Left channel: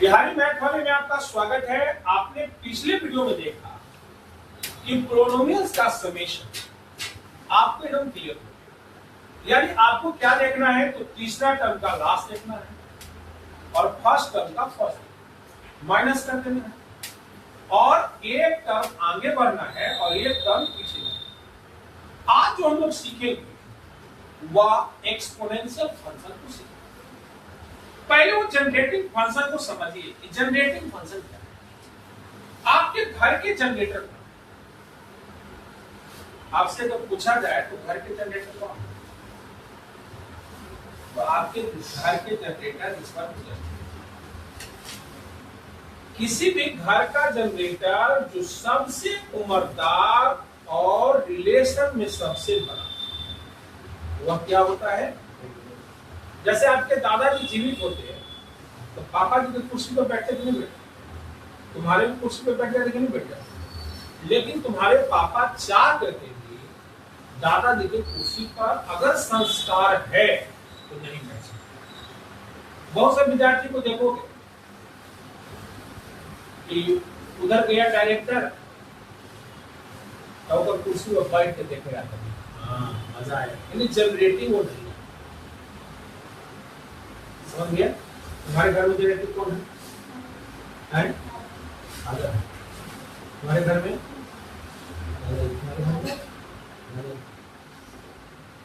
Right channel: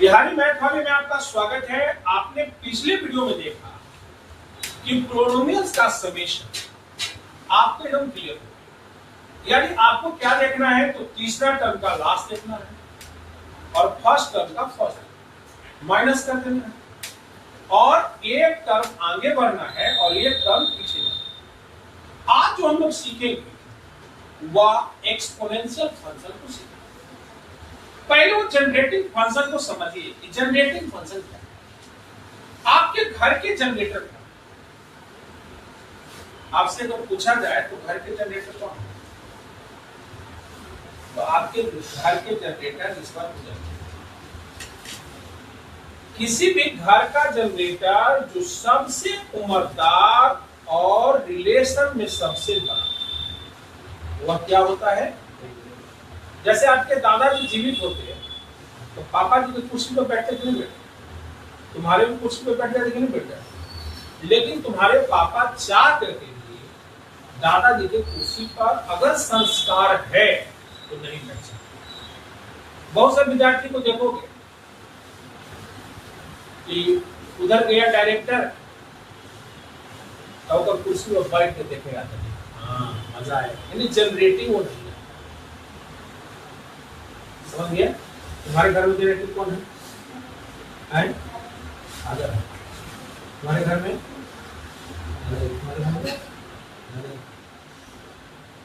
Bihari math वाले में आपका स्वागत है। आपने पिछले वीडियो में देखा कि पोलिनोमियल्स का समेशन आपको एकदम क्लियर हो, यानी आपको क्या देखना है, तो तीसरा टर्म का लास्ट देखना है और फर्स्ट टर्म का फर्स्ट माइनस कर देना है और एक टर्म आगे बढ़ना है और एक टर्म पीछे जाना है। आज जो हम लोग सीखेंगे वह एक्सपोनेंशियल फंक्शन को सीखेंगे। पहले वो जनरेटिंग फंक्शन को समझिए कि जनरेटिंग फंक्शन क्या है। आपके घर के जनरेटर का आपसे अगर पूछा जाए तो घर के जनरेटर कौन है, तो आपके घर के जनरेटर इस बार किसी भी घर का जनरेटर जो सबसे उम्रदार और रिलेशन में सबसे बड़ा वह क्या होता है। जैसे आपके दादाजी जीवित होते हैं तो पापा जी की कुर्सी पर बैठते क्यों बैठते, तुम्हारे भी कुर्सी पर बैठ जाते कि नहीं बैठ जाते, लेकिन तुम्हारे पापा चाह करके भी दादाजी की कुर्सी पर अगर संस्कार है तो नहीं बैठ सकते। बहुत से विद्यार्थी को देखोगे कि उधर गया डायरेक्टर तो उधर कुर्सी पर बैठ के देखे आता है, हाँ मजा आया, यानी जनरेटिंग वो नहीं। समझ गया? तुम्हारे घर में जनरेटर कौन है? आजा तुम्हारे घर में, तुम्हारे घर में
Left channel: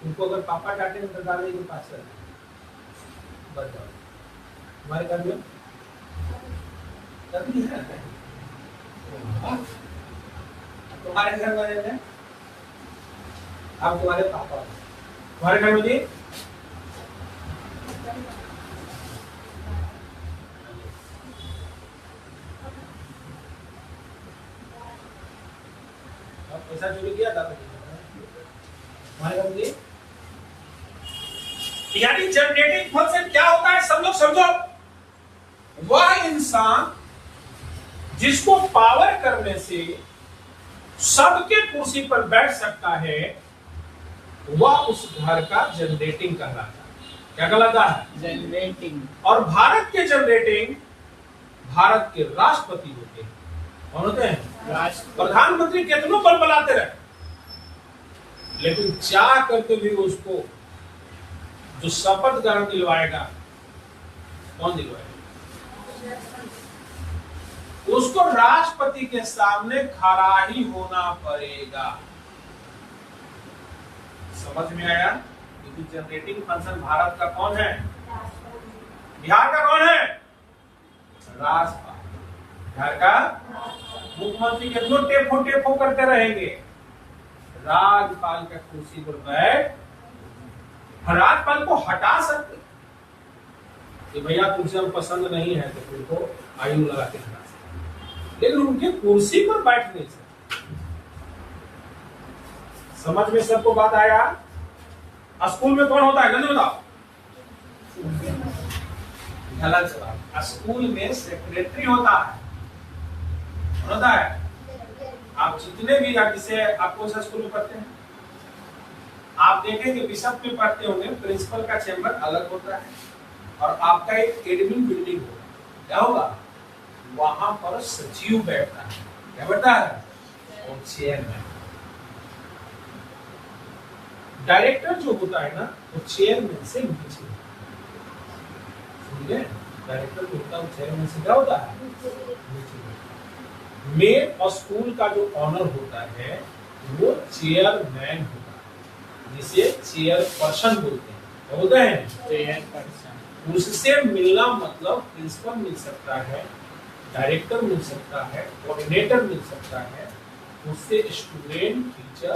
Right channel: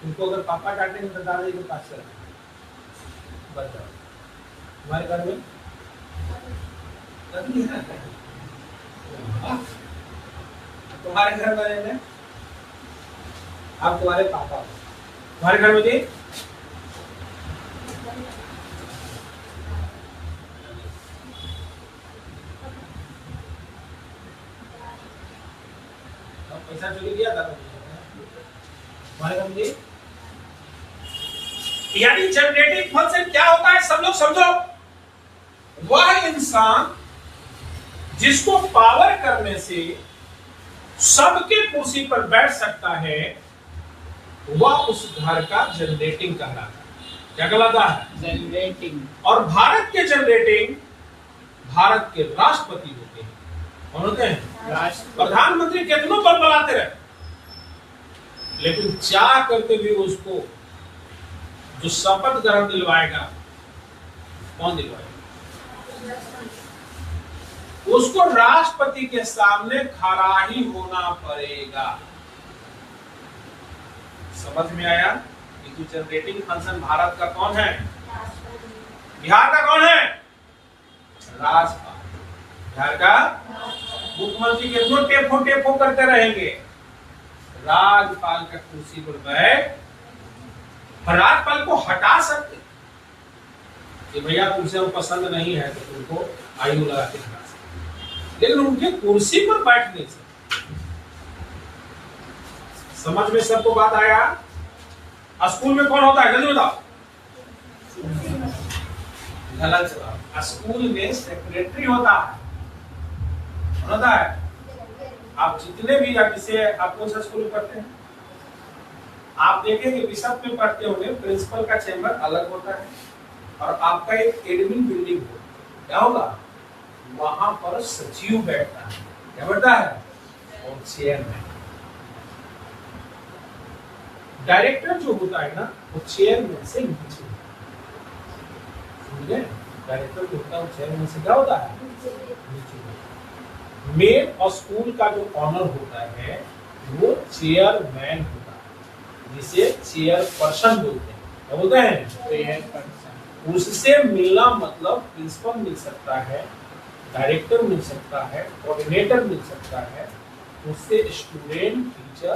तुमको अगर पापा डांटेंगे तो दादाजी के पास चल बच जाओ। तुम्हारे घर में कभी है तुम्हारे घर वाले में आप तुम्हारे पापा, तुम्हारे घर में जी पैसा चोरी किया था तुम्हारे घर में। यानी जनरेटिंग फंक्शन क्या होता है सब लोग समझो। वह इंसान जिसको पावर करने से सबके कुर्सी पर बैठ सकता है वह उस घर का जनरेटिंग कहलाता है। क्या कहलाता है? जनरेटिंग। और भारत के जनरेटिंग भारत के राष्ट्रपति होते हैं। कौन होते हैं? प्रधानमंत्री कितनों बल बनाते रहे लेकिन चाह करके भी उसको जो शपथ ग्रहण दिलवाएगा कौन दिलवाएगा? उसको राष्ट्रपति के सामने खड़ा ही होना पड़ेगा। समझ में आया? कि जनरेटिंग फंक्शन भारत का कौन है? बिहार का कौन है? राज्यपाल। बिहार का मुख्यमंत्री कितनों टेपो करते रहेंगे, राज्यपाल का कुर्सी पर बैठ, राज्यपाल को हटा सकते कि भैया कुर्सी हम पसंद नहीं है तो तुमको आयु लगा के हटा सकते, लेकिन उनके कुर्सी पर बैठ नहीं सकते। समझ में सबको बात आया? स्कूल में कौन होता है जल्दी बताओ? गलत जवाब। स्कूल में सेक्रेटरी होता है। होता है। आप जितने भी जैसे आप कौन सा स्कूल में पढ़ते हैं आप देखेंगे बिशप में पढ़ते होंगे प्रिंसिपल का चेंबर अलग होता है और आपका एक एडमिन बिल्डिंग होगा। क्या होगा? वहां पर सचिव बैठता है। क्या बैठता है? और चेयरमैन। डायरेक्टर जो होता है ना वो चेयरमैन से नीचे होता है। डायरेक्टर जो होता है वो चेयरमैन से क्या होता है? नीचे। मेन और स्कूल का जो ऑनर होता है वो चेयरमैन होता है, जिसे चेयरपर्सन बोलते हैं। क्या बोलते हैं? चेयरपर्सन। उससे मिलना मतलब प्रिंसिपल मिल सकता है, डायरेक्टर मिल सकता है, कोऑर्डिनेटर मिल सकता है। उससे स्टूडेंट टीचर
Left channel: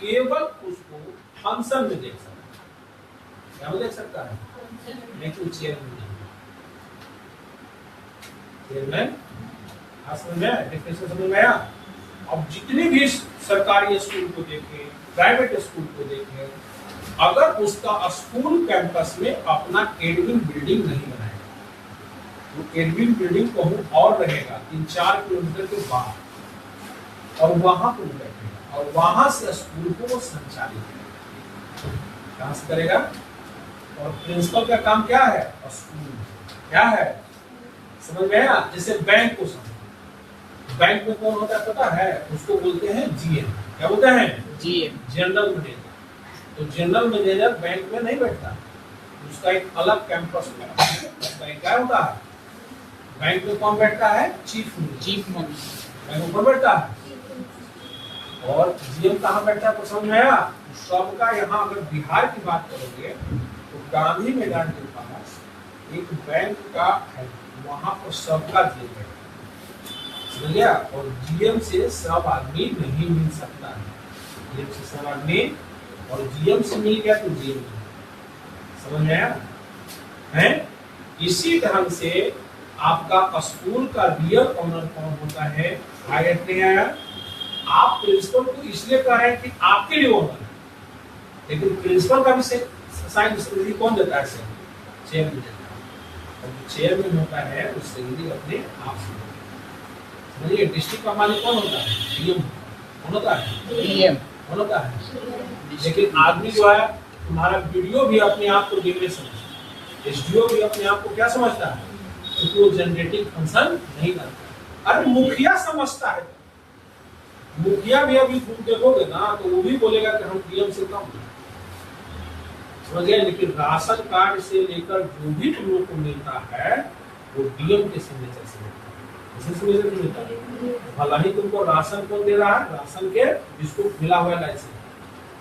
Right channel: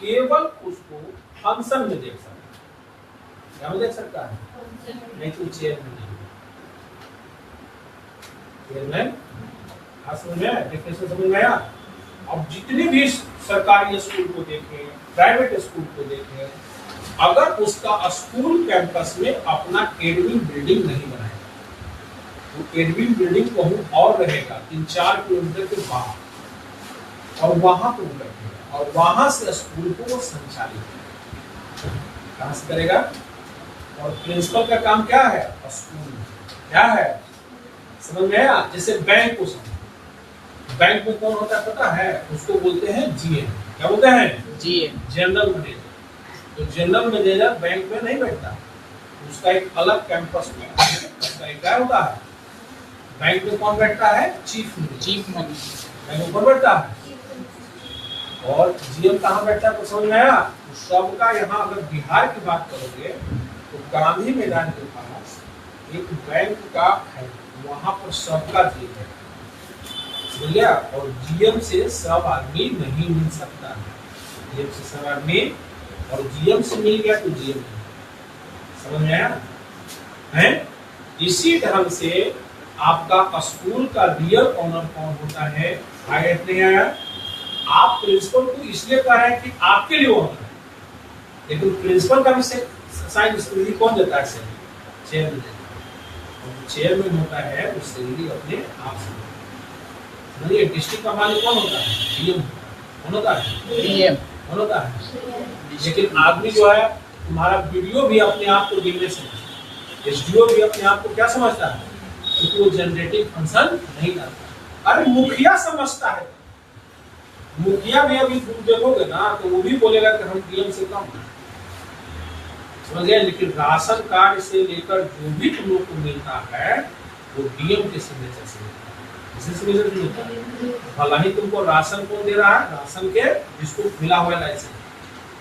केवल उसको फंक्शन में देख सकता है। क्या में देख सकता है? लेकिन चेयरमैन चेयरमैन समझ में आया? अब जितने भी सरकारी स्कूल को देखें, प्राइवेट स्कूल को देखें, अगर उसका स्कूल कैंपस में अपना एडमिन बिल्डिंग नहीं बनाएगा तो एडमिन बिल्डिंग कहीं और रहेगा 3-4 किलोमीटर के बाहर और वहां पर रखेगा और वहां से स्कूल को वो संचालित कहां से करेगा। और प्रिंसिपल का काम क्या है? स्कूल क्या है? समझ में आया? जैसे बैंक को समझो, बैंक में कौन होता है पता है? उसको बोलते हैं जीएम। क्या बोलते हैं? GM, general manager. तो जनरल मैनेजर बैंक में नहीं बैठता, उसका एक अलग कैंपस में उसका एक क्या होता है? बैंक में कौन बैठता है? Chief manager. बैंक ऊपर बैठता है। और जीएम कहाँ बैठता है? तो समझ में आया? तो सबका यहाँ अगर बिहार की बात करोगे तो गांधी मैदान के पास एक बैंक का है, वहां पर सबका जीएम है, समझ गया? और जीएम से सब आदमी नहीं मिल सकता है, जीएम से सब आदमी, और जीएम से मिल गया तो जीएम, समझ में आया? है इसी ढंग से आपका स्कूल का रियल ऑनर कौन होता है? आया नहीं आया? आप प्रिंसिपल को इसलिए कह रहे हैं कि आपके लिए ऑनर है, लेकिन प्रिंसिपल का भी साइन सैलरी कौन देता है? चेयरमैन देता है। और जो चेयरमैन होता है उस सैलरी अपने आप से, समझिए? डिस्ट्रिक्ट का मालिक कौन होता है? डीएम। कौन होता है? डीएम। कौन होता है? लेकिन आदमी जो है, तुम्हारा वीडियो भी अपने आप को डीएम समझता है, एसडीओ भी अपने आप को क्या समझता है? क्योंकि वो जनरेटिंग फंक्शन नहीं करता। अरे मुखिया समझता है, मुखिया भी अभी तुम देखोगे ना तो वो भी बोलेगा कि हम डीएम से कम हैं, समझ गए? लेकिन राशन कार्ड से लेकर जो भी तुम लोग को मिलता है वो डीएम के सिग्नेचर से मिलता है। किसी सिग्नेचर से मिलता है। भला ही तुमको राशन कौन दे रहा है? राशन के जिसको मिला हुआ है लाइसेंस,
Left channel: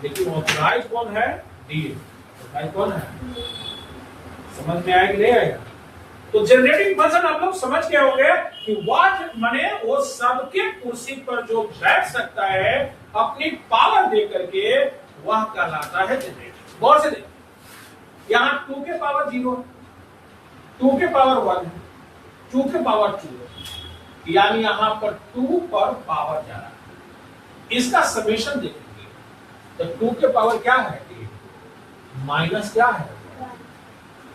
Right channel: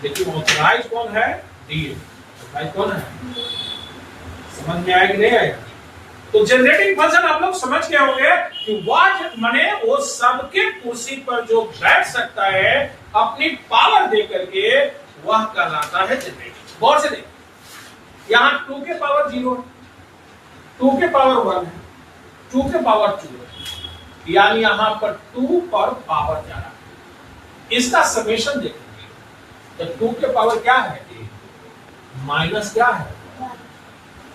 लेकिन ऑथराइज कौन है? डीएम। ऑथराइज कौन है? समझ में आया कि नहीं आया? तो जनरेटिंग फंक्शन आप लोग समझ गए होंगे कि वह माने वो सबके कुर्सी पर जो बैठ सकता है अपनी पावर दे करके, वह कहलाता है जनरेटिंग। गौर से देखिए, यहाँ 2 के पावर 0 है, 2 के पावर 1 है, 2 के पावर 2 है, यानी यहाँ पर 2 पर पावर जा रहा है। इसका समेशन देखेंगे तो 2 के पावर क्या है? माइनस क्या है?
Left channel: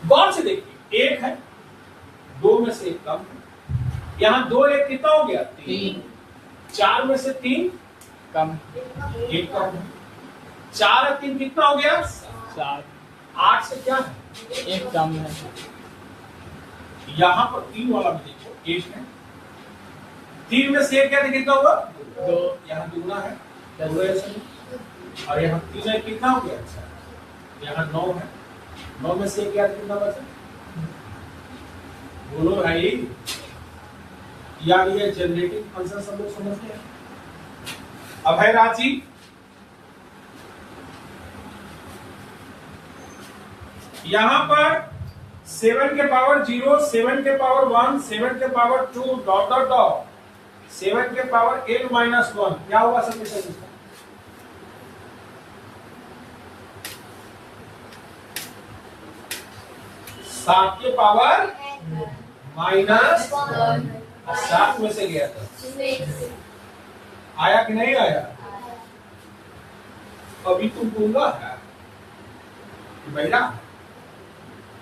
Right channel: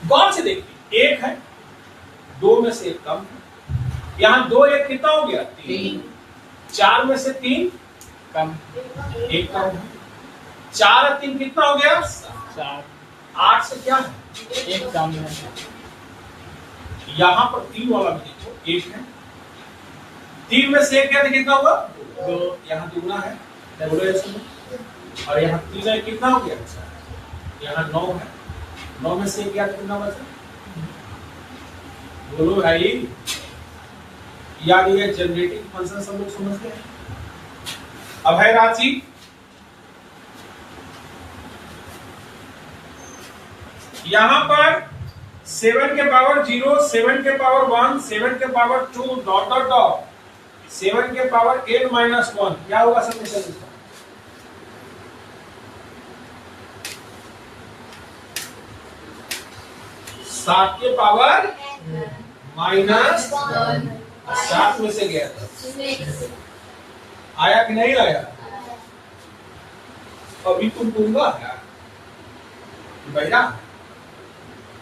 गौर से देखिए, 1 है, 2 में से 1 कम है, यहाँ 2 1 कितना हो गया? 3। 4 में से 3 कम, 1 कम है, 4 और 3 कितना हो गया? 4। 8 से क्या है? 1 कम है। यहाँ पर 3 वाला भी देखो, 1 है, 3 में से 1 क्या कितना होगा? 2। यहाँ दूना है, और यहाँ 3 है, कितना हो गया? यहाँ 9 है, 9 में से क्या कितना बचा? बोलो भाई, यानी ये जनरेटिंग फंक्शन सब लोग समझ गए? अब है राशि, यहां पर 7 के पावर 0, 7 के पावर 1, 7 के पावर 2 डॉट डॉट डॉट 7 के पावर n-1 क्या होगा? समेशन इसका 7 के पावर -1, 7 में से गया था, आया कि नहीं आया? अभी तुम दूंगा क्या?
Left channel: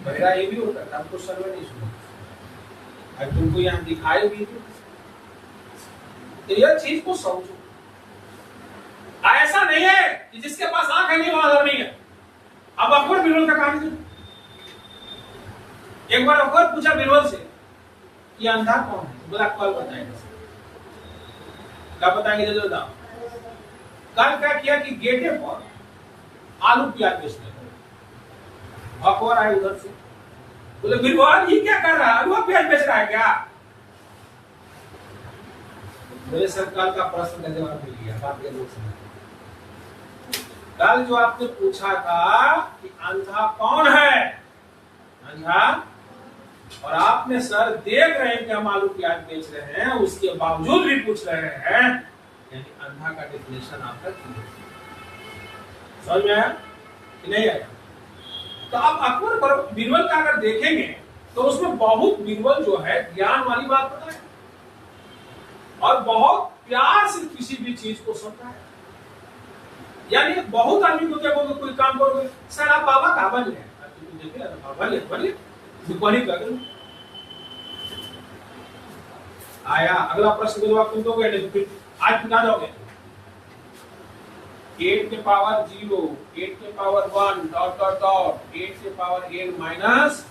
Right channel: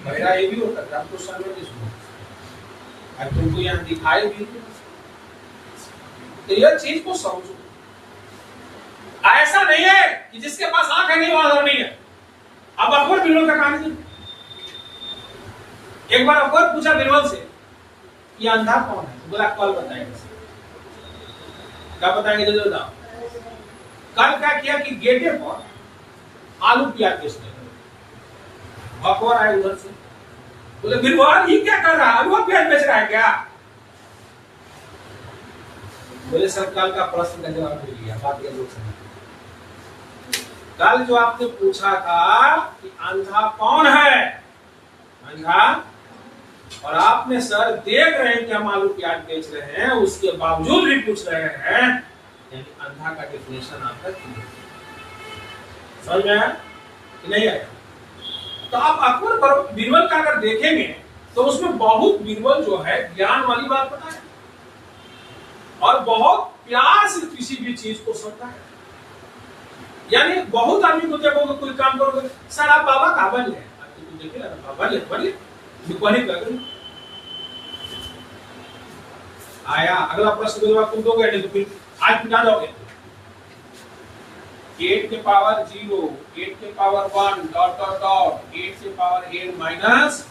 बहरा ये भी होता है, आपको सर्वर नहीं सुना, अब तुमको यहाँ दिखाई भी तो यह चीज को समझो। ऐसा नहीं है कि जिसके पास आंख है नहीं वहां नहीं है। अब अकबर बिरबल का कहानी सुनो। एक बार अकबर पूछा बिरबल से कि अंधा कौन है? बोला कल बताएंगे। क्या बताएंगे? जल्दी बताओ। कल क्या किया कि गेटे पर आलू प्याज बेचने लगे। अकबर आए उधर से, बोले बिरबल ये क्या कर रहा है? आलू प्याज बेच रहा है क्या? बोले सर कल का प्रश्न का जवाब मिल गया, बात ये लोग समझ। कल जो आपने पूछा था कि अंधा कौन है, अंधा, और आपने सर देख रहे हैं कि हम आलू प्याज बेच रहे हैं, उसके बावजूद भी पूछ रहे हैं, यानी अंधा का डेफिनेशन आपका क्लियर समझ में आया कि नहीं आया? तो आप अकबर बिरबल का अगर देखेंगे तो उसमें बहुत बिरबल जो है ज्ञान वाली बात बताए और बहुत प्यार से किसी भी चीज को समझता है। यानी बहुत आदमी को देखोगे कोई काम करोगे, सर आप बाबा का बन है, देखे बाबा ले बन आया। अगला प्रश्न का जवाब तुम दोगे नहीं तो फिर आज पिटा जाओगे। 8 के पावर 0, 8 के पावर 1 डॉट डॉट डॉट 8 के power n minus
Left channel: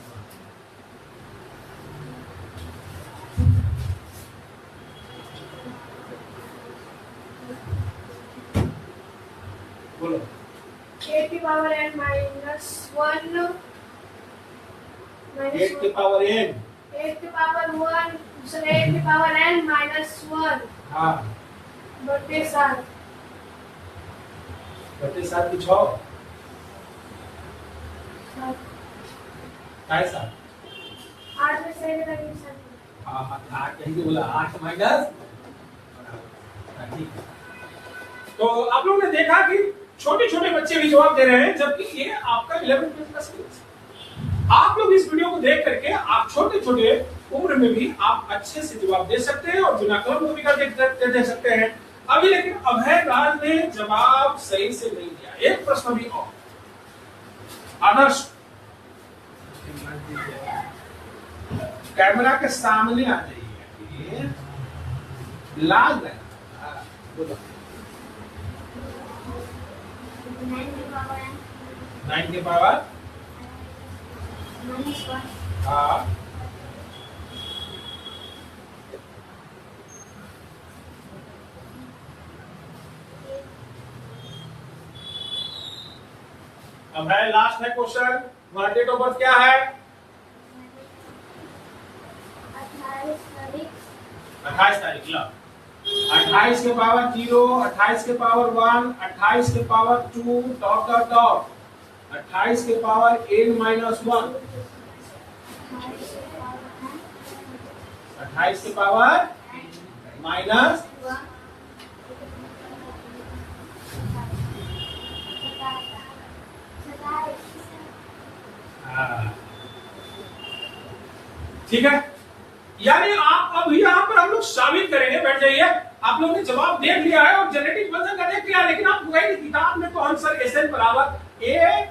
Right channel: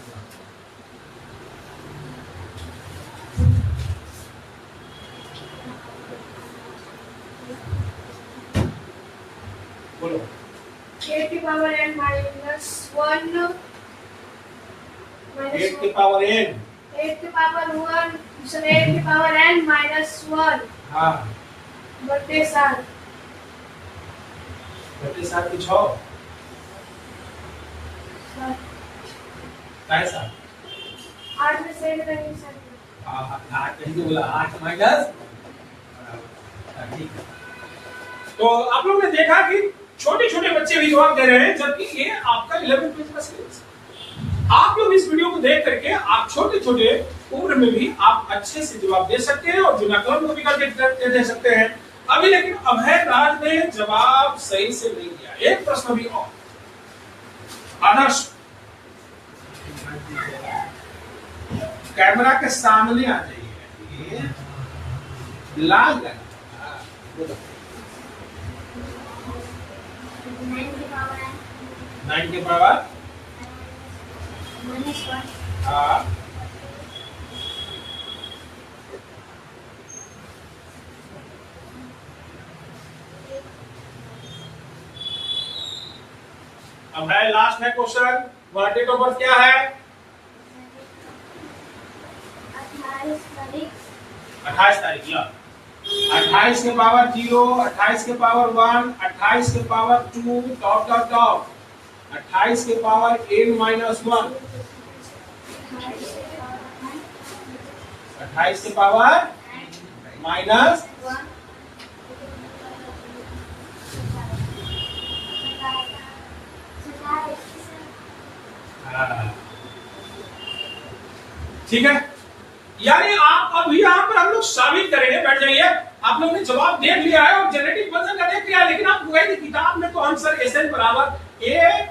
power n minus 1 minus 8 की पावर n, 8 की power 1 सर 8 की power n minus 1 हाँ बटे 7 बटे 7 की 6 काय 7 8 में से करेंगे सर हाँ 8 कहीं से बोला 8 माइनस ठीक है। तो आप लोगों ने देखा कि छोटे छोटे बच्चे भी जवाब दे रहे हैं, जबकि ये आपका 11th क्लास का सिलेबस है। आप लोग इस वीडियो को देख करके आप छोटे छोटे उम्र में भी आप अच्छे से जवाब दे सकते हैं और बिना कलम को भी कर दे सकते हैं। अभी लेकिन अभय राज ने जवाब सही से नहीं दिया। एक प्रश्न भी और, आदर्श कैमरा के सामने आ जाइए, लाल लगा 9 की पावर minus 1 हाँ अब है लास्ट है क्वेश्चन। तुम्हारा डेट ऑफ बर्थ क्या है? 28 तारीख। लो 28 के पावर 0, 28 के पावर 1, 28 के पावर 2 डॉट डॉट डॉट 28 के पावर n माइनस 1, 28 के पावर माइनस ठीक है। यानी आप अब यहाँ पर हम लोग साबित करेंगे, बैठ जाइए। आप लोगों ने जवाब देख लिया है और जेनेटिक वजन का देख लिया, लेकिन आप गए किताब में तो आंसर एसएन बराबर ए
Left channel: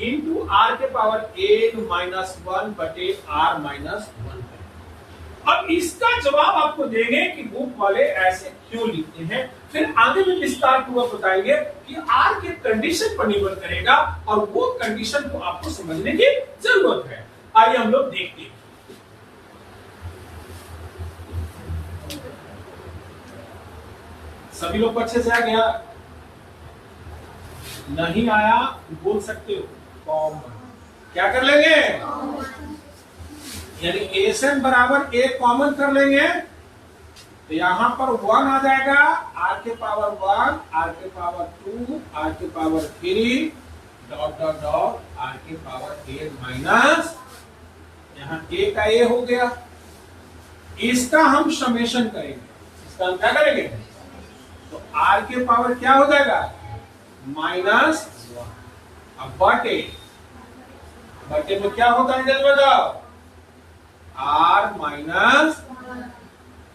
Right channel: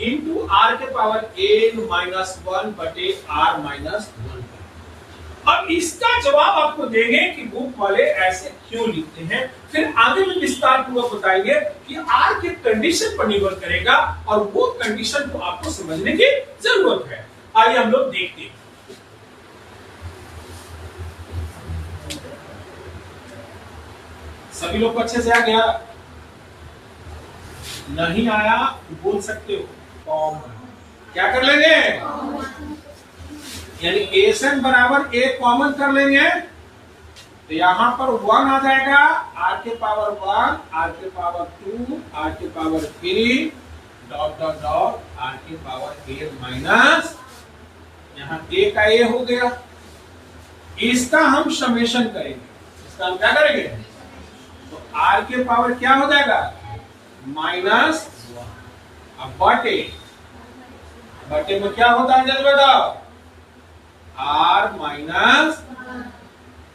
इंटू आर के पावर एन माइनस 1 बटे आर माइनस 1। अब इसका जवाब आपको देंगे कि बुक वाले ऐसे क्यों लिखते हैं, फिर आगे में विस्तार पूर्वक बताएंगे कि आर के कंडीशन पर निर्भर करेगा और वो कंडीशन को आपको समझने की जरूरत है। आइए हम लोग देखते हैं। सभी लोग को अच्छे से आ गया? नहीं आया बोल सकते हो कॉमन। क्या कर लेंगे? यानी एसएन बराबर ए कॉमन कर लेंगे तो यहां पर 1 आ जाएगा, आर के पावर 1, आर के पावर 2, आर के power 3 dot dot dot are के पावर ए माइनस, यहां ए का ए हो गया। इसका हम समेशन करेंगे। इसका हम क्या करेंगे? तो आर के पावर क्या हो जाएगा? माइनस 1। अब बटे बटे में क्या होता है जल्दी बताओ? आर माइनस,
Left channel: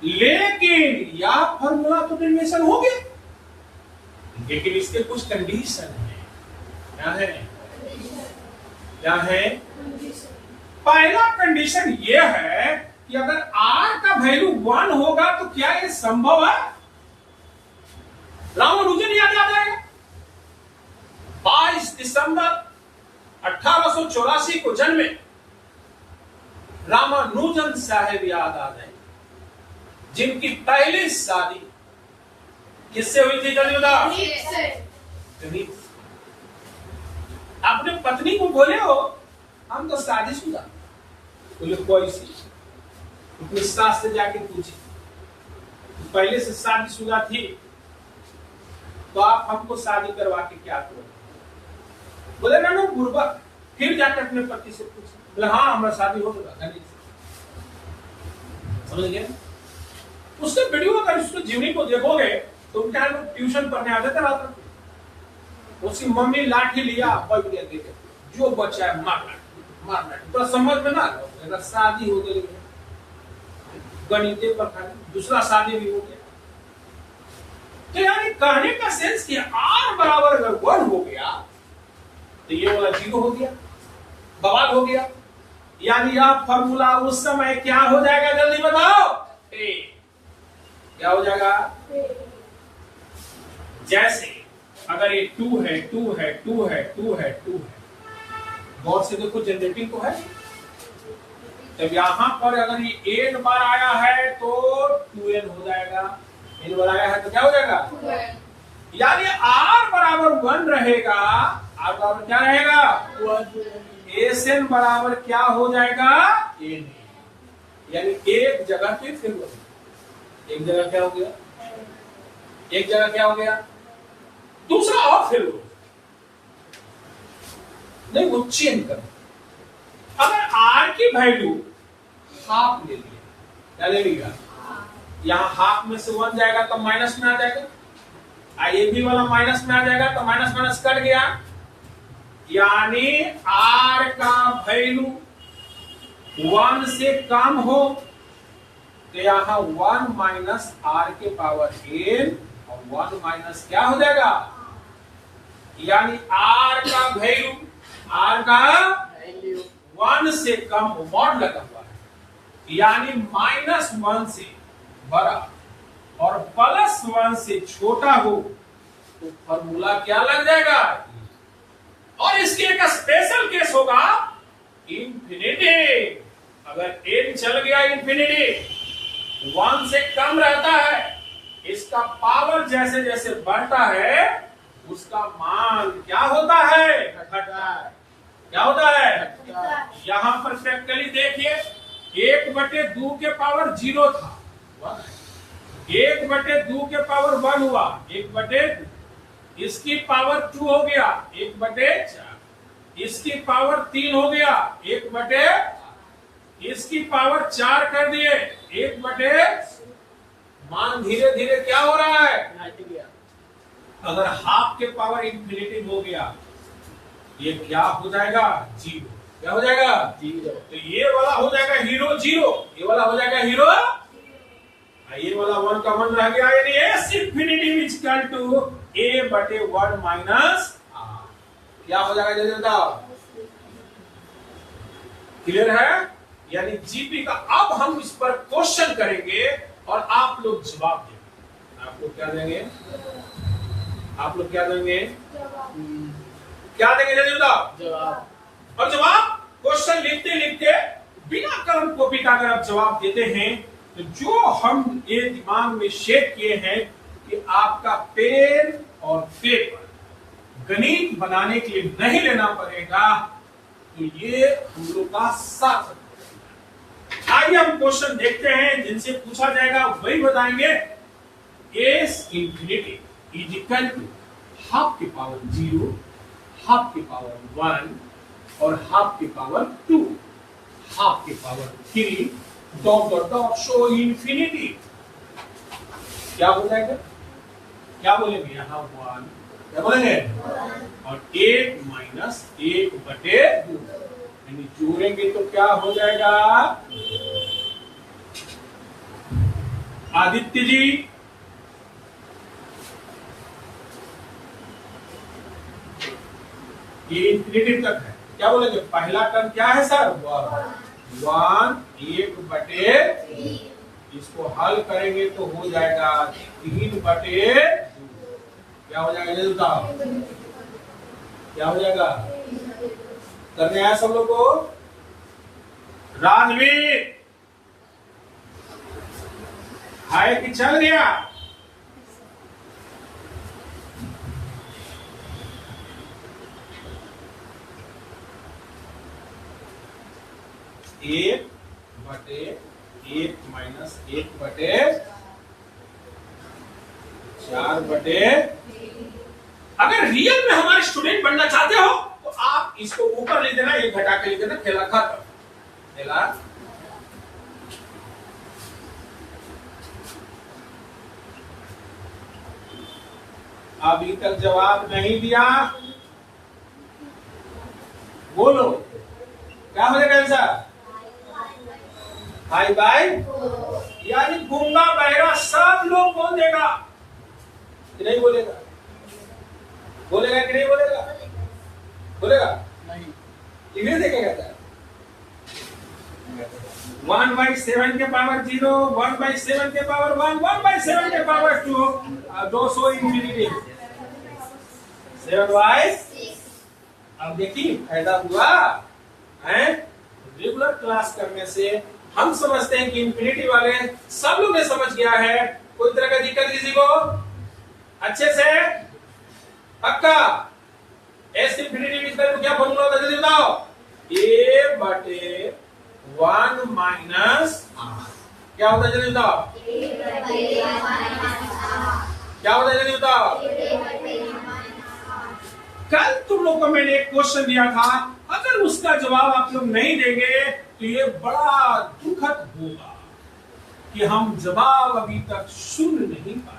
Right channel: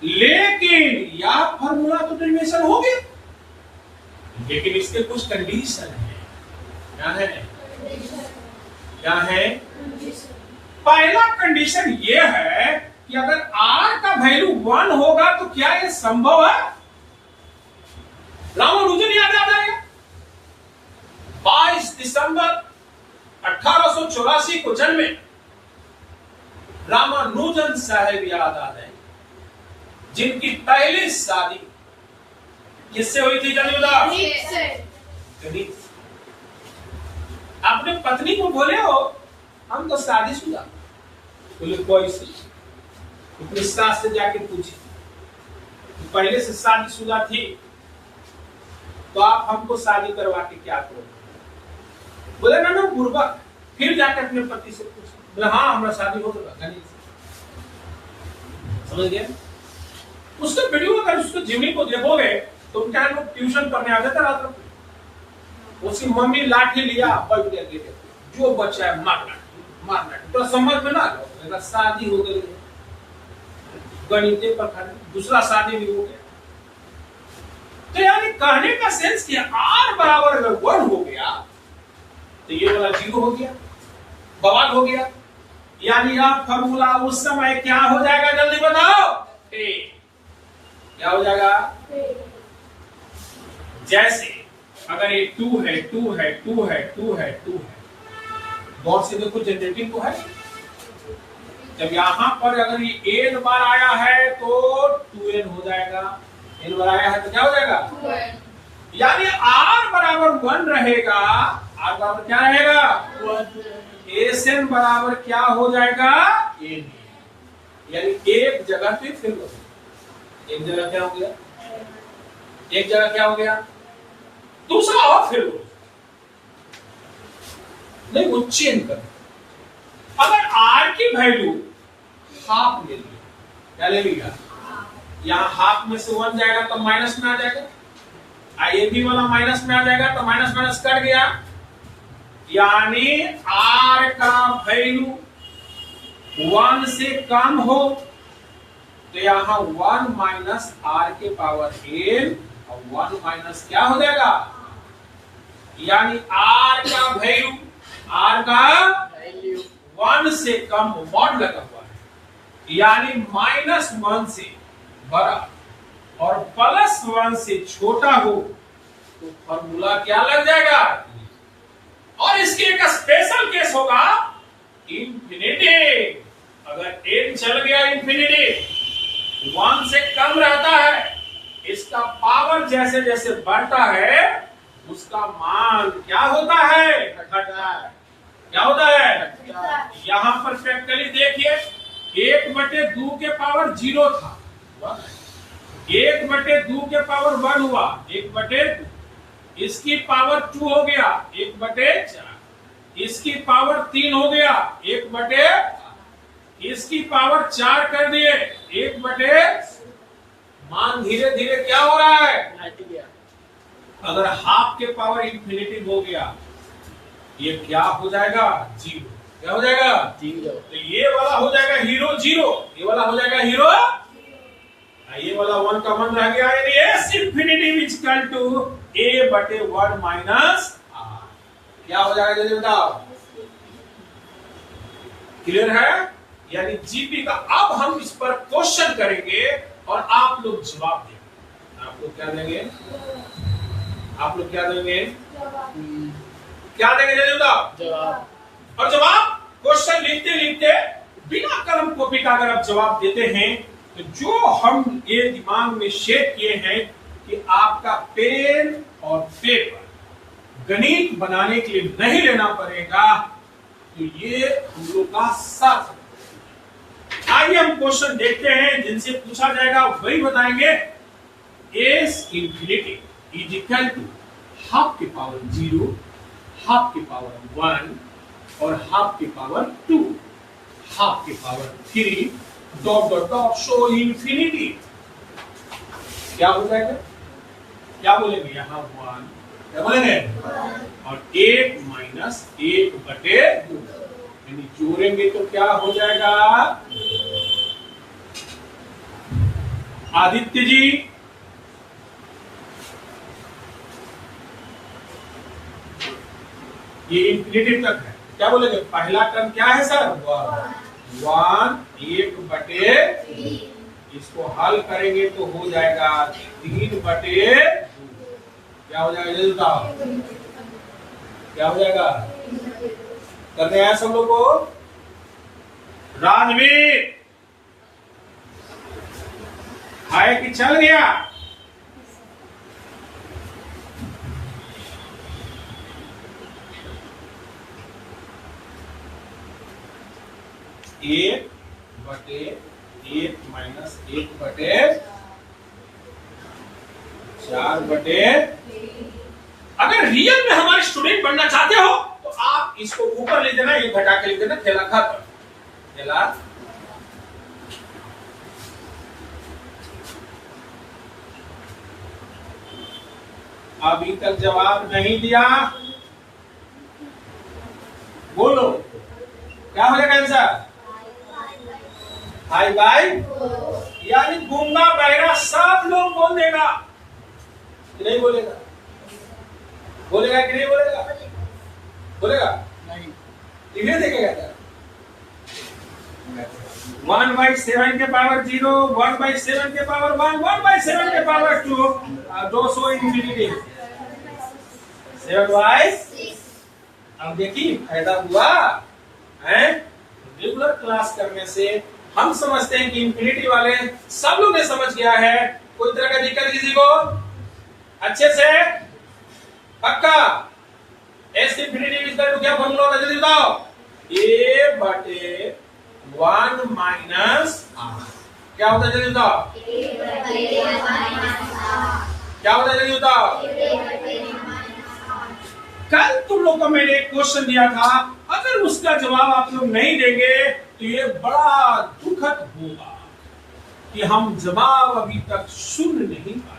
लेकिन यह फॉर्मूला तो डेरिवेशन हो गया, लेकिन इसके कुछ कंडीशन है। क्या है? क्या है? पहला कंडीशन यह है कि अगर आर का वैल्यू 1 होगा तो क्या यह संभव है? रामानुजन याद आ जाएगा। 22 दिसंबर 1884 को जन्मे रामानुजन साहब याद आ जाए, जिनकी पहली शादी किससे हुई थी? जल्दी बताओ। गणित। अपने पत्नी को बोले हो हम तो शादीशुदा, बोले कोई सी? अपने सास से जाके पूछे, पहले से शादीशुदा थी तो आप हमको शादी करवा के क्या करोगे? बोले ना बुर्बक। फिर जाके अपने पति से पूछे, बोले हाँ हमारा शादी हो चुका। गणित समझ गए? उसके वीडियो अगर उसको जिम्मी को देखोगे तो उनके यहाँ लोग ट्यूशन पढ़ने आते थे रात में। उसकी मम्मी लाठी लिया, बैठ गया गेटे, जो बच्चा है मारना तो समझ में ना लो, शादी हो गई, गणित पर खड़े, दूसरा शादी भी हो गया। तो यानी कहने का सेंस कि आर बराबर अगर 1 हो गया तो ये वाला 0 हो गया, बवाल हो गया। यानी यह फॉर्मूला उस समय क्या हो जाएगा? जल्दी बताओ। क्या हो जाएगा? जैसे अगर ये 2 है 2 है 2 है 2 है 2 है, गौर से देखो जनरेटिंग को है। जब यहां पर अगर ये n बार आया है तो 2n हो जाएगा, n बार आया है तो क्या हो जाएगा? यानी r बराबर 1 रहेगा आर बराबर क्या रहेगा, एस एन बराबर क्या हो जाएगा, एन, यानी एक जगह पे फिर हो गया। एक जगह क्या हो गया, एक जगह क्या हो गया, दूसरा और फिर हो नहीं, वो चेंज कर। अगर आर की वैल्यू हाफ ले लिया, क्या ले लिया, यहाँ हाफ में से 1 जाएगा तो माइनस में आ जाएगा, ये भी वाला माइनस में आ जाएगा तो माइनस माइनस कट गया, यानी आर का वैल्यू 1 से कम हो तो यहाँ 1 माइनस आर के पावर n और 1 माइनस क्या हो जाएगा, यानी आर का वैल्यू, आर का वैल्यू 1 से कम हो, मॉड लगा हुआ है, यानी -1 से बड़ा और +1 से छोटा हो तो फॉर्मूला क्या लग जाएगा। और इसके एक स्पेशल केस होगा इंफिनिटी, अगर n चल गया इंफिनिटी, 1 से कम रहता है, इसका पावर जैसे जैसे बढ़ता है उसका मान क्या होता है, घटता है। क्या होता है, यहां पर प्रैक्टिकली देखिए, 1/2 के पावर 0 था, 1/2 के पावर 1 हुआ, 1/2, इसकी पावर 2 हो गया, 1/4, इसकी पावर 3 हो गया, 1/4, इसकी पावर 4 कर दिए, 1/, मान धीरे धीरे क्या हो रहा है, अगर हाफ के पावर इंफिनिटी हो गया ये क्या हो जाएगा, 0, क्या हो जाएगा, 0, तो ये वाला हो जाएगा हीरो 0, ये वाला हो जाएगा हीरो, ये वाला 1 का 1 रह गया, यानी s infinity is equal to a/1 minus r, क्या हो जाएगा जल्दी बताओ, क्लियर है। यानी जीपी का अब हम इस पर क्वेश्चन करेंगे और आप लोग जवाब देंगे, आप लोग क्या देंगे, आप लोग क्या देंगे, क्या देंगे जल्दी बताओ, जवाब। और जवाब क्वेश्चन लिखते लिखते बिना कलम कॉपी का अगर आप जवाब देते हैं तो जो हम ये दिमाग में सेट किए हैं कि आपका पेन और पेपर गणित बनाने के लिए नहीं लेना पड़ेगा, तो ये हम लोग का साथ। आइए हम क्वेश्चन देखते हैं जिनसे पूछा जाएगा वही बताएंगे। S infinity is equal to half के पावर 0, हाफ के पावर 1 और हाफ के पावर 2, हाफ के power 3 dot dot dot show infinity, क्या हो जाएगा, क्या बोलेंगे यहाँ 1, क्या बोलेंगे, और 1 माइनस 1/2, यानी जोड़ेंगे तो क्या हो जाएगा, आदित्य जी ये इंफिनिटी तक है, क्या बोलेंगे, पहला टर्म क्या है सर, 1, 1/3, इसको हल करेंगे तो हो जाएगा 3/2, क्या हो जाएगा जल्दी बताओ, क्या हो जाएगा, करने आया सब लोग को, राजवीर है कि चल गया, एक बटे 1 माइनस 1/4 अगर रियल में हमारे स्टूडेंट बनना चाहते हो तो आप इसको ऊपर ले देना, ये घटा के लिख देना, खेला खत्म, खेला। अभी तक जवाब नहीं दिया, बोलो क्या हो जाएगा आंसर, हाई बाई, यानी गूंगा बहरा सब लोग बोल देगा कि नहीं बोलेगा, बोलेगा कि नहीं बोलेगा, बोलेगा नहीं, इन्हें देखेगा 1/7 के पावर 0, 1/7 के पावर 1, 1/7 के पावर 2, 200 इंफिनिटी 7/6। अब देखिए फायदा हुआ है, रेगुलर क्लास करने से हम समझते हैं कि इंफिनिटी वाले सब लोग ने समझ गया है, कोई तरह का दिक्कत किसी को, अच्छे से पक्का, एस इंफिनिटी इक्वल टू क्या फॉर्मूला होता है जल्दी बताओ, a बटे 1 माइनस r। क्या होता है जल्दी बताओ, क्या होता है जल्दी बताओ। कल तुम लोग को मैंने एक क्वेश्चन दिया था, अगर उसका जवाब आप लोग नहीं देंगे तो ये बड़ा दुखद होगा कि हम जवाब अभी तक सुन नहीं पाए।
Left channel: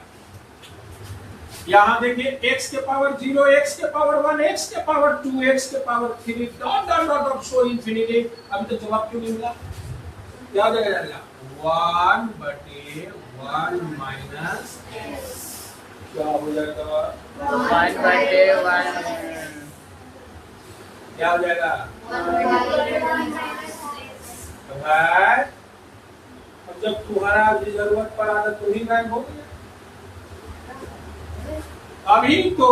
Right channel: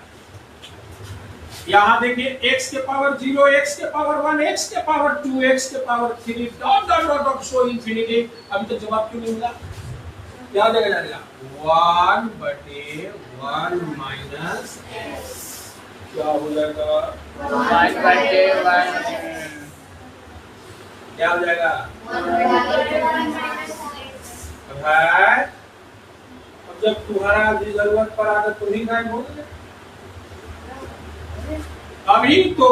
यहां देखिए x के पावर 0, x के पावर 1, x के पावर 2, x के power 3 dot dot dot dot so infinity. अभी तक जवाब क्यों नहीं मिला? क्या जाएगा 1 बटे 1 माइनस क्या हो जाएगा 1 बटे 1 क्या हो जाएगा है। अब जब तुम्हारा भी जरूरत पड़ा तो तुम ही गायब हो गए। अभी तो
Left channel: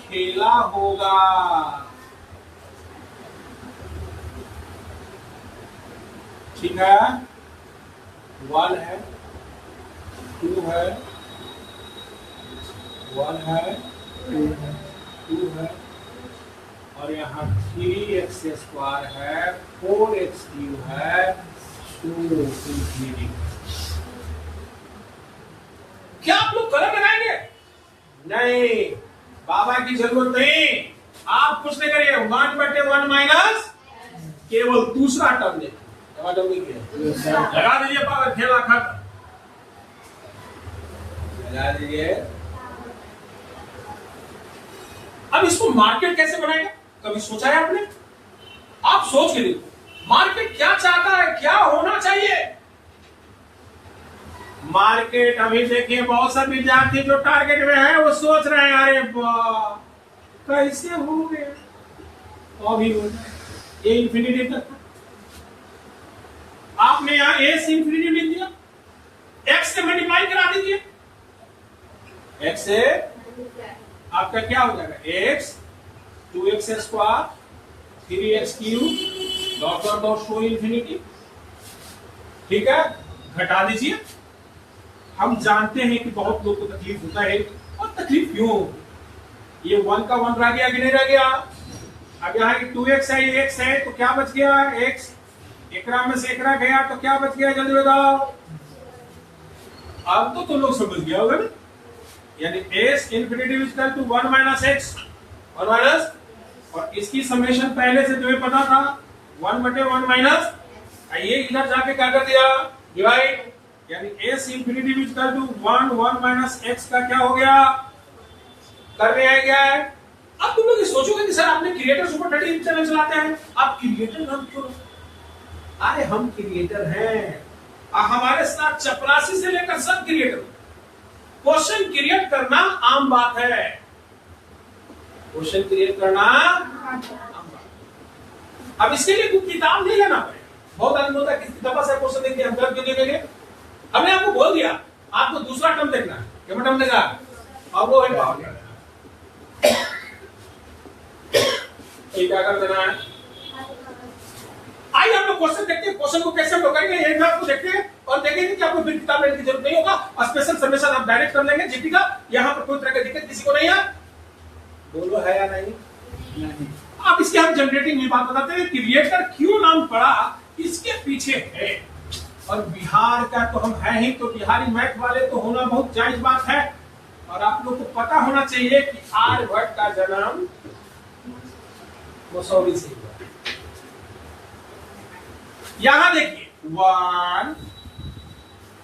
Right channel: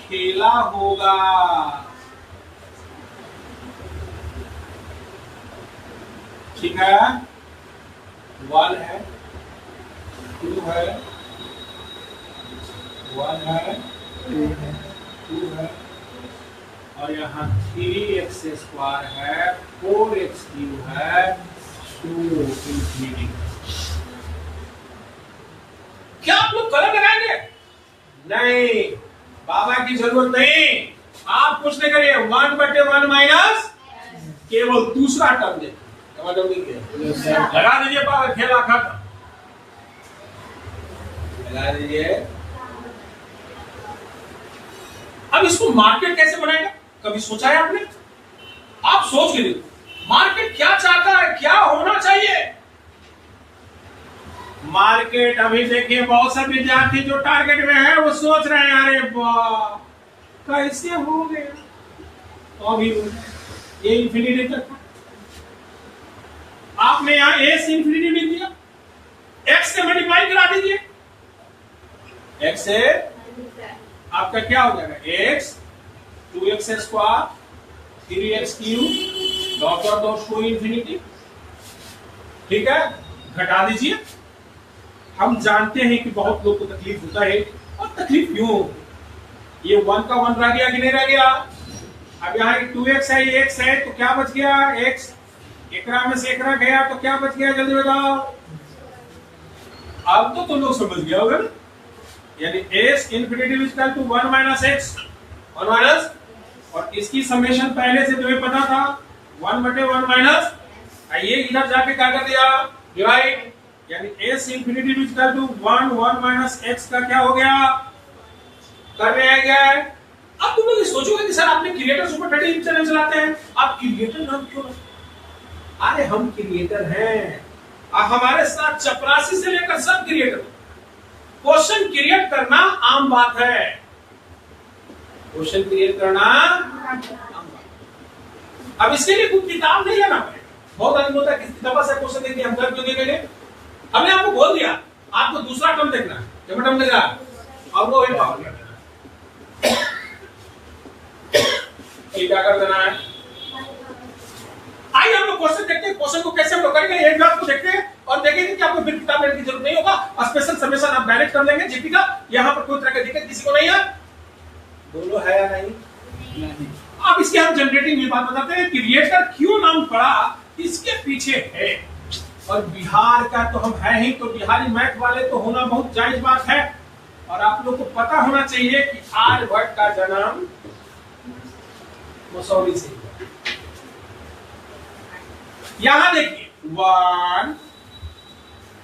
खेला होगा। ठीक है, 1 है, 2 है, 1 है, 2 है और यहाँ 3x स्क्वायर है, 4x क्यूब है, 2 इंफिनिटी। क्या आप लोग गलत लगाएंगे? नहीं, बाबा की जरूरत नहीं। आप कुछ नहीं करिए, 1 बटे 1 माइनस केवल दूसरा टर्म देखिए, लगा दीजिए पावर, खेला खत्म। लगा दीजिए। अब इसको मार्केट कैसे बनाएंगे, कभी सोचा है आपने? आप सोच के देखो मार्केट क्या चाहता है, क्या होना चाहिए। मार्केट अभी देखिए बहुत सारे विद्यार्थी जो टारगेट में है वो सोच रहे हैं अरे वाह कैसे हो गया, तो अभी ये इंफिनिटी तक आपने यहां ए से इंफिनिटी लिख दिया, एक्स से मल्टीप्लाई करा दीजिए, एक्स से आपका क्या हो जाएगा X 2x square 3x cube dot dot dot so infinity. ठीक है, घटा दीजिए। हम जानते हैं कि बहुत लोग को तकलीफ होता है, और तकलीफ क्यों होगी, ये 1 का 1 रह गया कि नहीं रह गया। अब यहाँ 2x है, ये x है, तो क्या बच गया x, एकरा में से एकरा गया तो क्या बच गया जल्दी बताओ। अब तो तुम लोग समझ गया होगा ना, यानी s infinity equal to 1 minus x 1 minus, और इसकी समेशन पहले से तुम्हें पता था 1 बटे 1 माइनस, ये इधर जाके क्या कर दिया डिवाइड, यानी s infinity equal to 1 minus x का क्या हो गया करने आ गया है। अब तुम लोग ये सोचोगे कि सर आपने क्रिएटर सुपर 30 चैनल चलाते हैं, आप क्रिएटर नाम क्यों? अरे हम क्रिएटर हैं, हमारे साथ चपरासी से लेकर सब क्रिएटर। क्वेश्चन क्रिएट करना आम बात है, क्वेश्चन क्रिएट करना आम बात। अब इसके लिए कुछ किताब नहीं लेना पड़ेगा। बहुत आदमी होता है किसी किताब से क्वेश्चन देखिए हम कर क्यों देंगे, हमने आपको बोल दिया आपको दूसरा टर्म देखना है, क्या टर्म देखना अब वो है पावर। क्या कर देना है, आइए हम लोग क्वेश्चन देखते हैं, क्वेश्चन को कैसे हम लोग करेंगे एक बार को देखते हैं और देखेंगे कि आपको फिर किताब लेने की जरूरत नहीं होगा, स्पेशल समेशन आप डायरेक्ट कर लेंगे जीपी का। यहाँ पर कोई तरह की दिक्कत किसी को नहीं है, बोलो है या नहीं? अब इसके हम जनरेटिंग में बात बताते हैं, क्रिएटर क्यों नाम पड़ा इसके पीछे है। और बिहार का तो हम है ही, तो बिहारी मैथ वाले तो होना बहुत जायज बात है। और आप लोग को पता होना चाहिए कि आर्यभट्ट का जन्म मसौरी से हुआ। यहां देखिए 1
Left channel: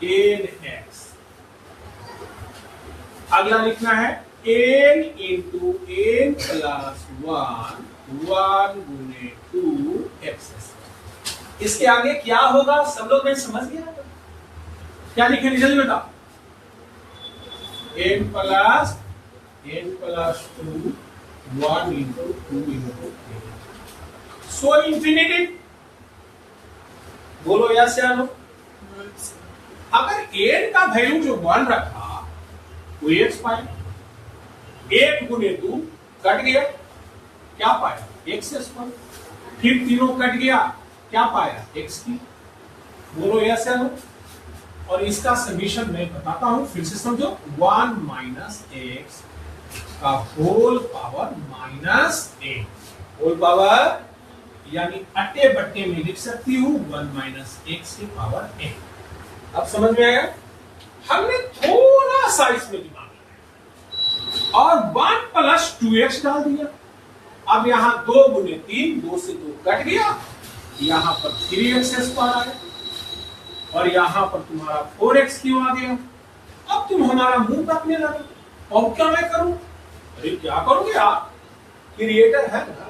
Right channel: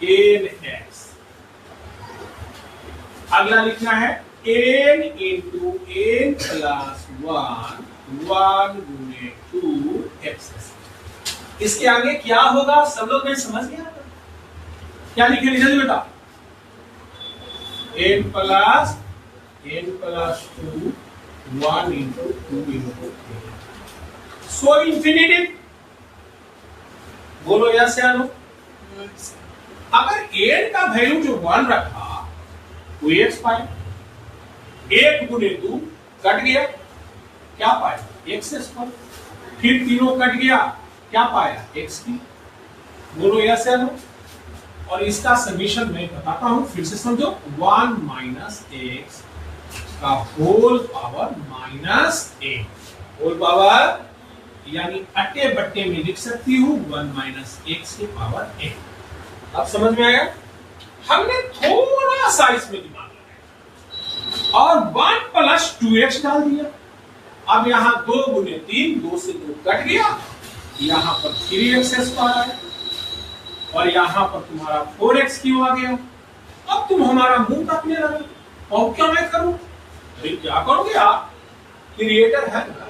n x, अगला लिखना है n इंटू n प्लस 1 गुने 2 x। इसके आगे क्या होगा सब लोग समझ गया, क्या लिखे जल्दी बताओ। n प्लस 2 1 इंटू 2 इंटू सो इंफिनिटी। बोलो यस या नो। अगर n का वैल्यू जो 1 रखा वो x पाए, 1 गुने 2 कट गया क्या पाया x स्क्वायर, फिर तीनों कट गया क्या पाया x की। बोलो यस या नो। और इसका समीशन मैं बताता हूं फिर से समझो, 1 माइनस x का होल पावर -8 होल पावर यानी अट्टे बट्टे में लिख सकती हूँ 1 - x की पावर 8। अब समझ में आया? हमने थोड़ा सा इसमें दिमाग लगाया और 1 + 2x डाल दिया। अब यहाँ 2 × 3 2 से 2 कट गया, यहाँ पर 3x² आया और यहाँ पर तुम्हारा 4x³ आ गया। अब तुम हमारा मुंह काटने लगे, और क्या मैं करूं? अरे क्या करोगे आप? क्रिएटर है ना,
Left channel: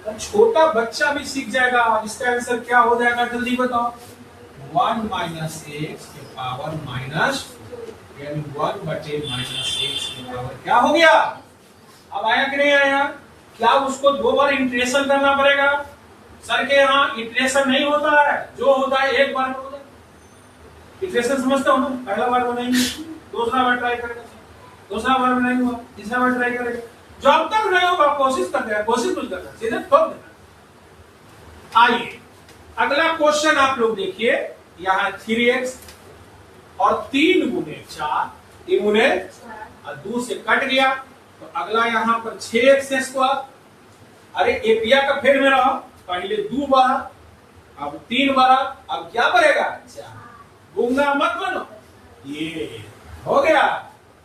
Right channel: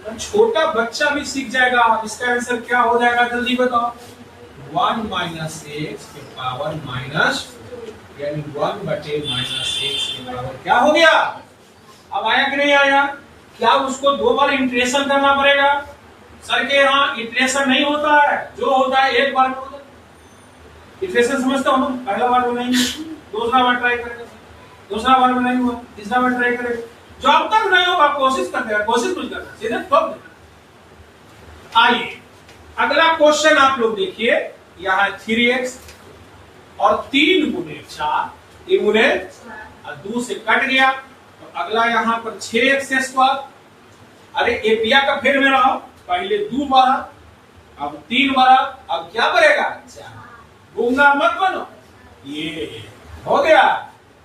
तो छोटा बच्चा भी सीख जाएगा। इसका आंसर क्या हो जाएगा जल्दी बताओ? 1 - x की पावर माइनस यानी 1/-x की पावर क्या हो गया? अब आया कि नहीं आया? क्या उसको 2 बार इंटीग्रेशन करना पड़ेगा? सर के यहाँ इंटीग्रेशन नहीं होता है, जो होता है एक बार में होता है। इंटीग्रेशन समझते हो ना? पहला बार तो नहीं, दूसरा बार ट्राई करेगा, दूसरा बार में नहीं हुआ, तीसरा बार ट्राई करेगा, जो अब तक नहीं होगा कोशिश करते हैं, कोशिश कुछ करना सीधे ठोक देना। आइए अगला क्वेश्चन आप लोग देखिए, यहाँ 3x और 3 × 4 3 × 2 से कट गया, तो अगला यहाँ पर 6x²। अरे एपिया का फेर में रहो, पहले 2 बारा, अब 3 बारा, अब क्या बढ़ेगा? 4। गूंगा मत बनो, ये हो गया।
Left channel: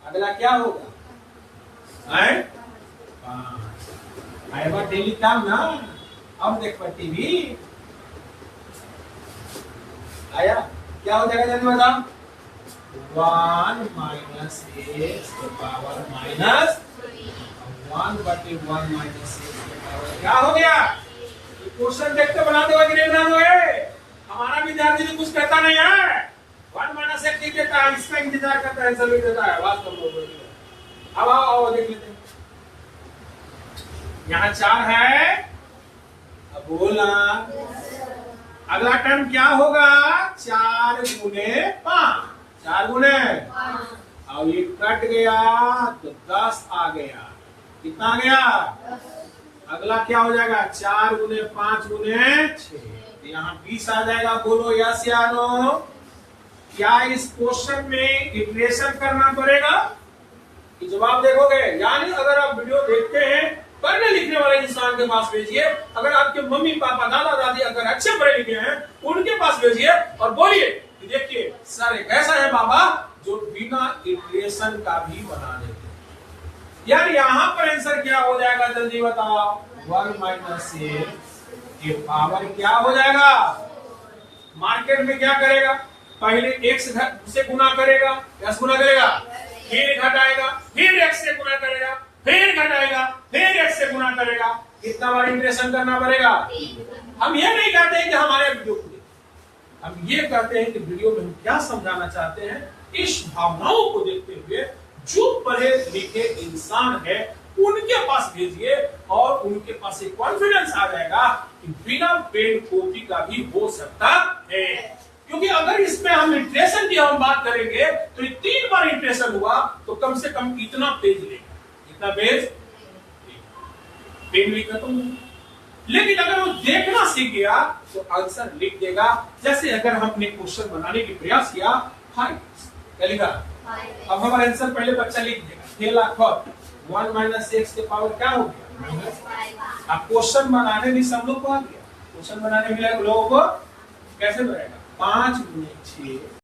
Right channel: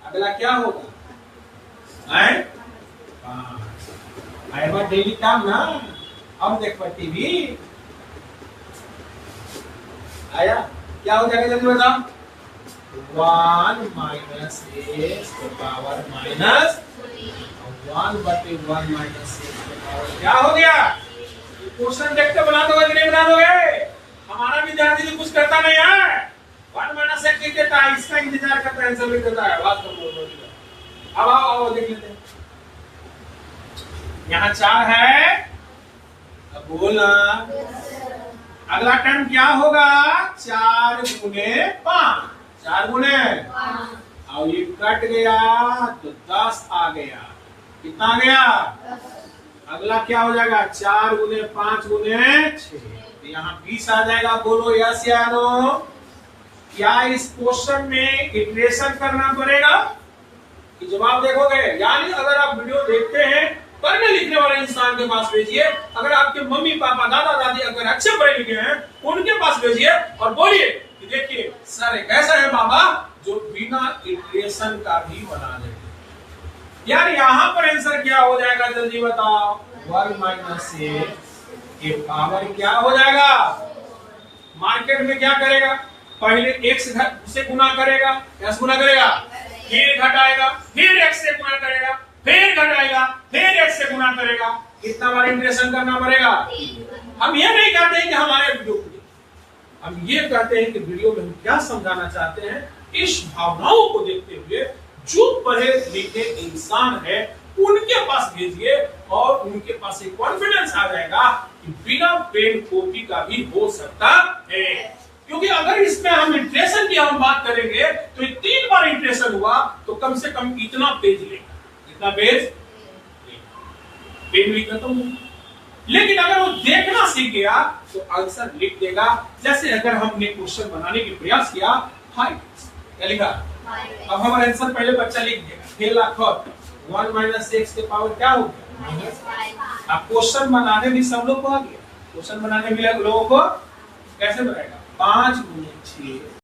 अगला क्या होगा? डेली काम ना, अब देख पर टीवी आया, क्या हो जाएगा जल्दी बताओ? 1 - x की पावर -1/1 - x की पावर क्या हो गया? क्वेश्चन देख के बना दोगे कि नहीं बना दोगे? हमारा विद्यार्थी तो कुछ करता नहीं है, 1 - x लिख देता है, इसका इंतजार करता है, आंसर लिख देता है। बात करो, अब आओ देख लेते हैं। यहाँ 4 है, अब बोला अगला टर्म क्या होगा? 4 × 5 4 × और ये कट गया तो 10 आ गया। कितना आ गया? अगला क्या हो जाएगा? 4 × 5 × 6, यहाँ 20 आ जाएगा। बोलो यस या नो? क्या इस क्वेश्चन में इटरेशन करना पड़ेगा? कि जवाब देखोगे? यानी अगर आप वीडियो देखते हैं, पढ़ने लिखने वाले इंसान के पास भेजिए। अगर आपके मम्मी पापा दादा दादी अगर अच्छे पढ़े लिखे हैं, उनके पास भेजिए और बोलिए कि देखिए सर एक ऐसा है बाबा जो बिना इटरेशन का भी बना देते। यार यहाँ पर आंसर क्या हो जाएगा जल्दी बताओ? 1 - x की पावर क्या हो जाएगा? मार्केट में क्या करेगा? पहले x से गुना करेगा, x गुना करेगा, फिर घटाएगा, फिर x से गुना करेगा, फिर घटाएगा, फिर x से गुना करेगा। कितना बार इंटीग्रेशन करना पड़ेगा? हम ये नहीं कहते हैं कि हमारे वीडियो को देखिए, हम ये कहते हैं कि वीडियो में हम क्या समझाना चाहते हैं, इस भावनाओं को देखते हुए जो पढ़े लिखे इंसान है उनके पास भेजिए और उनके पास एक कॉन्फिडेंस आ जाएगा कि बिना पेन कॉपी का भी हो सकता है। क्योंकि अगर इसमें हम इंटीग्रेशन की हम बात करेंगे तो 3 बार इंटीग्रेशन हुआ तो कम से कम इतना पेज लेगा, इतना पेज पेन भी खत्म होगा। लेकिन अगर वो देखना सीख गया तो आंसर लिख देगा। जैसे अगर हमने क्वेश्चन बनाने की प्रयास किया, हाय क्या लिखा? अब हमारा आंसर पहले बच्चा लिख देगा, खेला खत 1 - x की पावर क्या होगी? अब क्वेश्चन बनाने भी सब लोग को आ गया, क्वेश्चन बनाने भी लोगों को कैसे बनाएगा? 5 × 6